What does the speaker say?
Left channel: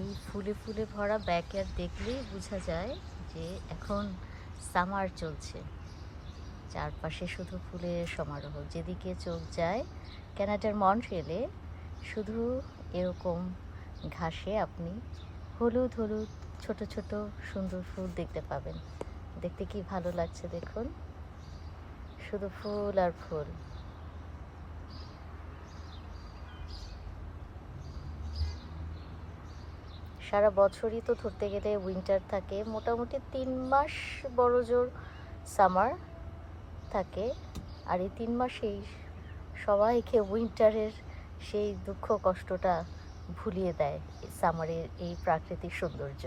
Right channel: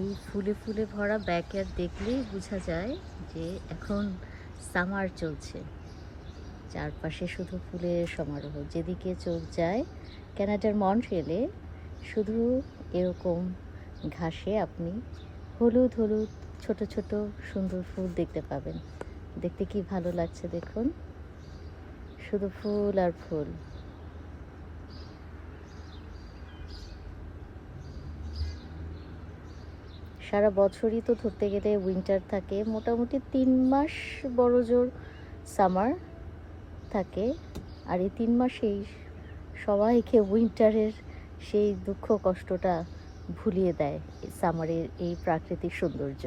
এই ফুলে ফুলে ভরা ব্যাকয়ার্ড দেখলেই বোঝা যায় যে এখন সামার চলছে। চারপাশে শুধু ফুলের সমারোহ। যেদিকে চোখ যায় কানাডার মন্ট্রিয়েলে শুধু এরকম ঘাসে আপনি হলুদ হলুদ ছোট ছোট সুন্দর ফুল দেখতে পাবেন। দেখতে কি ভালো লাগছে দেখুন, শুধু ফুল আর ফুল। সারা বছরই তো ধরতে গেলে উইন্টার থাকে, মোটামুটি ৩ মাস বড়জোর সামার থাকে। আর এই ৩ মাসেই সবাইকে উইন্টারের সেই দুঃখ কষ্টটা ভুলিয়ে দেয় সামারের এই প্রাকৃতিক সৌন্দর্য।